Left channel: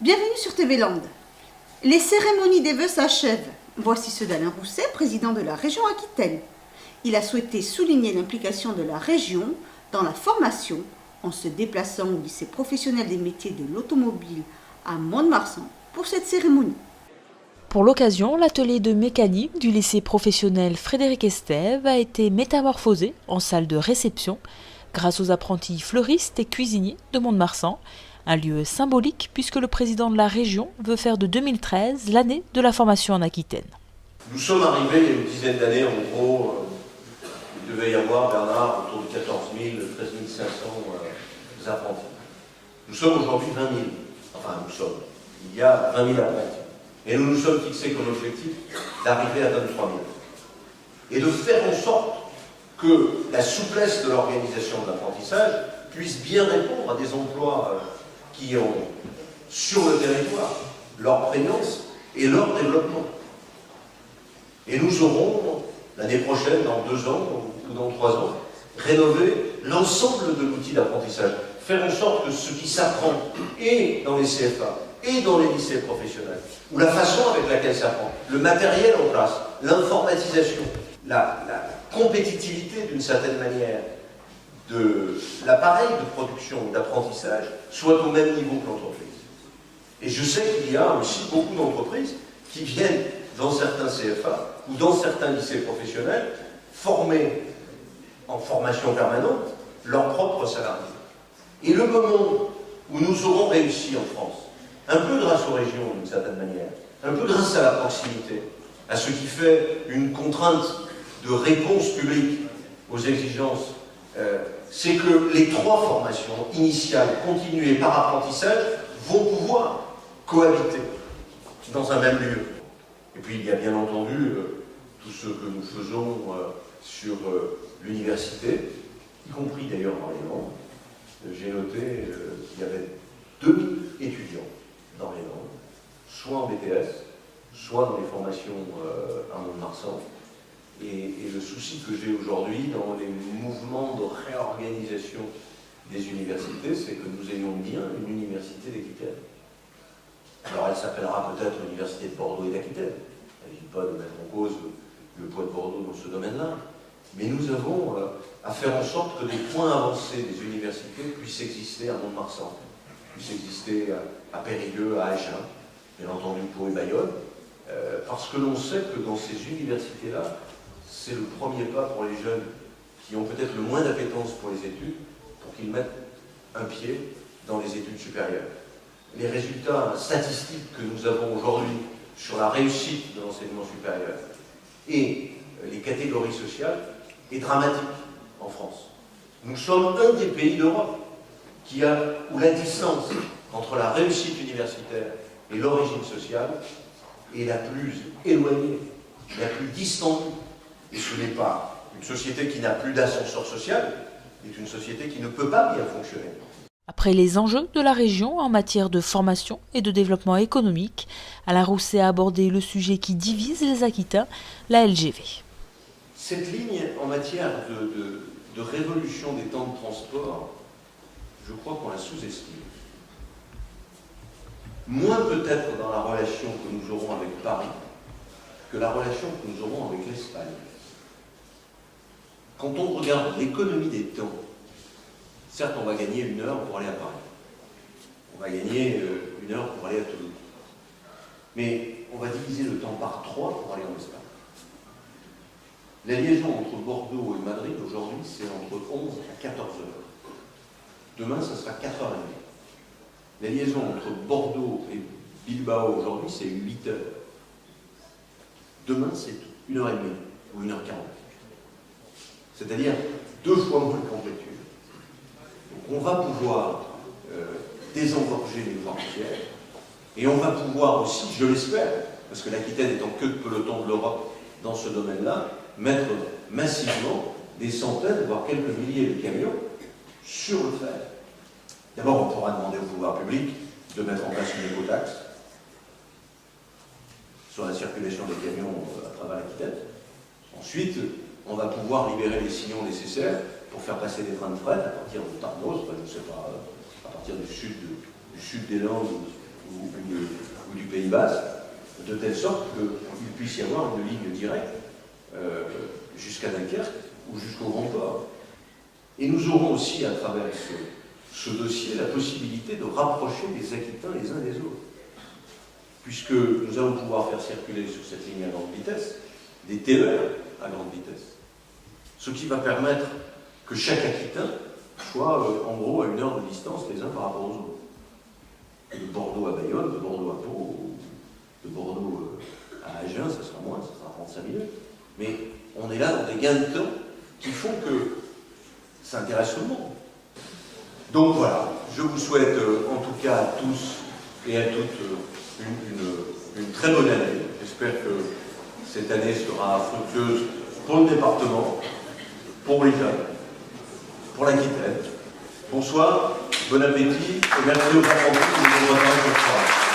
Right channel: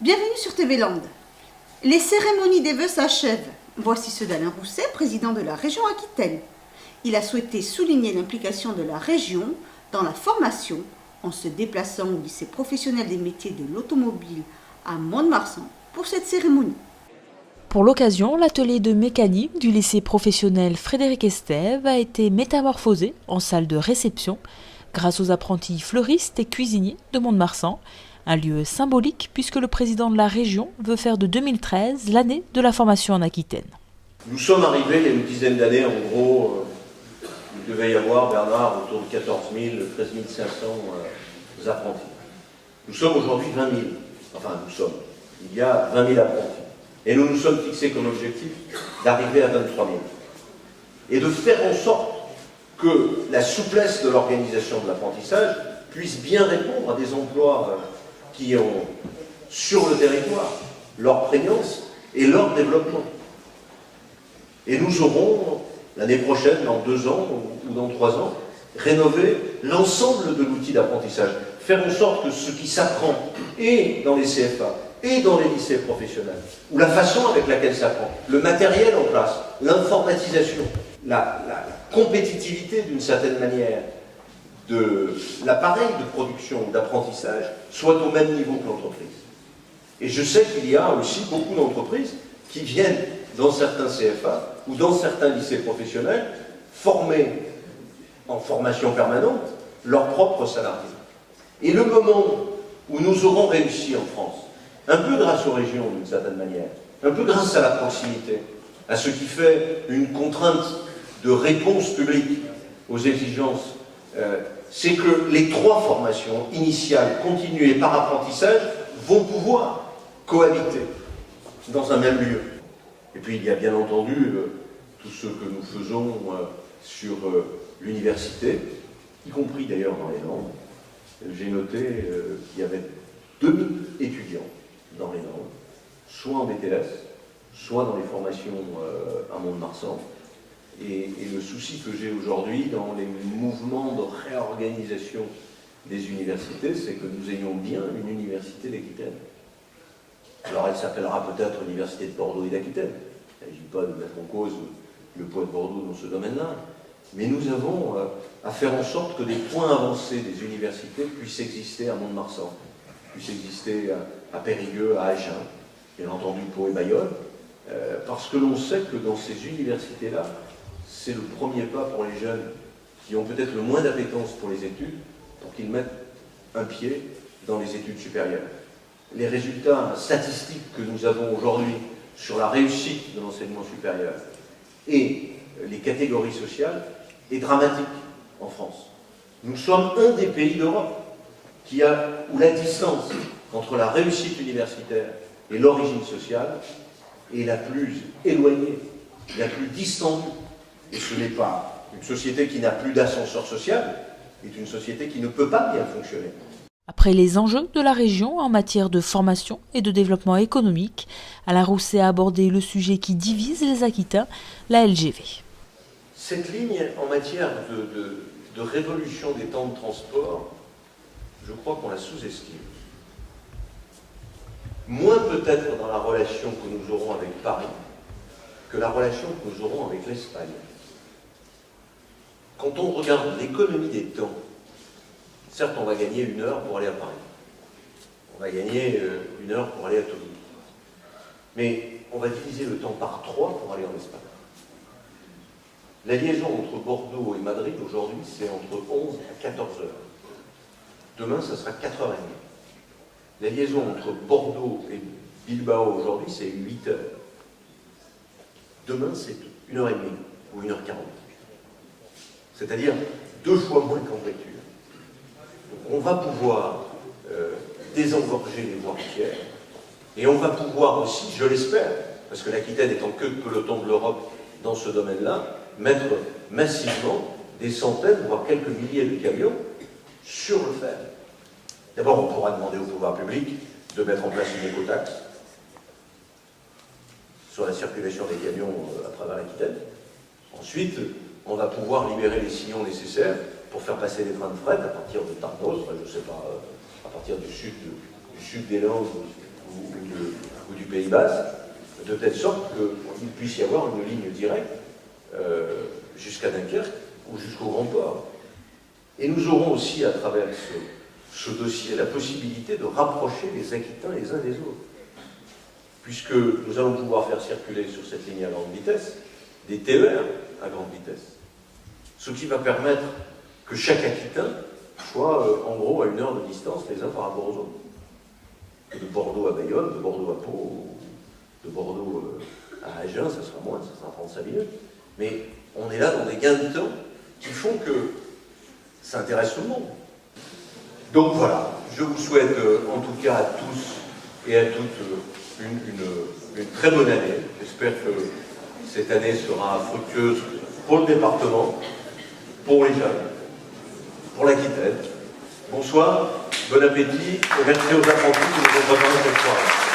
Bienvenue sur TV Land. Les cérémonies des vœux s'achèvent. Voici ceux d'Alain Rousset, président de la région Aquitaine. Il a souhaité souligner l'implication de la région dans la formation en se déplaçant au lycée professionnel des métiers de l'automobile à Mont-de-Marsan pour cette cérémonie. Pour l'occasion, l'atelier de mécanique du lycée professionnel Frédéric Estève a été métamorphosé en salle de réception grâce aux apprentis fleuristes et cuisiniers de Mont-de-Marsan. Un lieu symbolique puisque le président de la région veut faire de 2013 l'année de la formation en Aquitaine. Nous sommes arrivés il y a une dizaine d'années, en gros, il devait y avoir, Bernard, autour de 14 000, 13 500 apprentis. Nous sommes aujourd'hui 20 000, il y a 20 000 apprentis. Et nous nous sommes fixés comme objectif d'arriver à 23 000. Et de faire en sorte que la souplesse de l'organisation de l'apprentissage puisse bien répondre à des emplois qui ont, sur le territoire, leur prégnance et leur développement. Et nous aurons, l'année prochaine, dans 2 ans ou dans 3 ans, rénové l'ensemble de l'outil d'apprentissage. Faire en sorte que ce qui s'apprend, et dans les CFA, et dans les lycées professionnels, ou la façon avec laquelle ça s'apprend, le matériel en classe, l'informatisation, la compétitivité d'une certaine manière, de l'appareil de production ou d'apprentissage soit au même niveau que l'entreprise. Et je sais qu'il y a aussi beaucoup d'entreprises qui viennent dans certains CFA ou dans certains lycées professionnels former en formation permanente leurs propres salariés. Et le moment où nous aurons réussi en France, un peu grâce aux régions d'une certaine manière, un peu grâce à la proximité, à ce qui fait une contrainte de réponse publique aux exigences, c'est que les 3 formations initiales, continues et par apprentissage vont pouvoir cohabiter dans un même lieu. Et puis il y a bien entendu tout ce que nous faisons sur l'université, y compris d'ailleurs dans les Landes. J'ai noté qu'il y avait 2000 étudiants dans les Landes, soit en BTS, soit dans les formations à Mont-de-Marsan. Et le souci que j'ai aujourd'hui dans les mouvements de réorganisation des universités, c'est que nous ayons bien une université d'Aquitaine. Alors elle s'appellera peut-être Université de Bordeaux et d'Aquitaine. Il ne s'agit pas de mettre en cause le poids de Bordeaux dans ce domaine-là. Mais nous avons à faire en sorte que des points avancés des universités puissent exister à Mont-de-Marsan, puissent exister à Périgueux, à Agen, bien entendu Pau et Bayonne, parce que l'on sait que dans ces universités-là, c'est le premier pas pour les jeunes qui ont peut-être le moins d'appétence pour les études, pour qu'ils mettent un pied dans les études supérieures. Les résultats statistiques que nous avons aujourd'hui sur la réussite de l'enseignement supérieur et les catégories sociales est dramatique en France. Nous sommes un des pays d'Europe où la distance entre la réussite universitaire et l'origine sociale est la plus éloignée, la plus distendue. Et ce n'est pas une société qui n'a plus d'ascenseur social, c'est une société qui ne peut pas bien fonctionner. Après les enjeux de la région en matière de formation et de développement économique, Alain Rousset a abordé le sujet qui divise les Aquitains, la LGV. Cette ligne en matière de révolution des temps de transport, je crois qu'on la sous-estime. Moins peut-être dans la relation que nous aurons avec Paris que la relation que nous aurons avec l'Espagne. Quand on regarde l'économie des temps, certes on va gagner 1 heure pour aller à Paris, on va gagner 1 heure pour aller à Toulouse, mais on va diviser le temps par 3 pour aller en Espagne. La liaison entre Bordeaux et Madrid aujourd'hui c'est entre 11 à 14 heures. Demain ça sera 4h30. La liaison entre Bordeaux et Bilbao aujourd'hui c'est 8 heures. Demain c'est 1h30 ou 1h40. C'est-à-dire 2 fois moins qu'en voiture. Donc on va pouvoir désengorger les voies routières et on va pouvoir aussi, je l'espère, parce que l'Aquitaine étant que le peloton de l'Europe dans ce domaine-là, mettre massivement des centaines, voire quelques milliers de camions sur le fer. D'abord, on pourra demander au pouvoir public de mettre en place une écotaxe sur la circulation des camions à travers l'Aquitaine. Ensuite, on va pouvoir libérer les sillons nécessaires pour faire passer des trains de fret à partir de Tarnos, je ne sais pas, à partir du sud des Landes ou du Pays Basque, de telle sorte qu'il puisse y avoir une ligne directe jusqu'à Dunkerque ou jusqu'au Grand Port. Et nous aurons aussi, à travers ce dossier, la possibilité de rapprocher les Aquitains les uns des autres. Puisque nous allons pouvoir faire circuler sur cette ligne à grande vitesse des TER à grande vitesse. Ce qui va permettre que chaque Aquitain soit en gros à 1 heure de distance les uns par rapport aux autres. Que de Bordeaux à Bayonne, de Bordeaux à Pau, de Bordeaux à Agen, ça sera moins, ça sera 35 minutes. Mais on est là dans des gains de temps qui font que ça intéresse tout le monde. Donc voilà, je vous souhaite en tout cas à tous et à toutes une très bonne année. J'espère que cette année sera fructueuse pour le département, pour les jeunes, pour l'Aquitaine. Bonsoir, bon appétit et merci aux apprentis qui nous ont préparé cette soirée.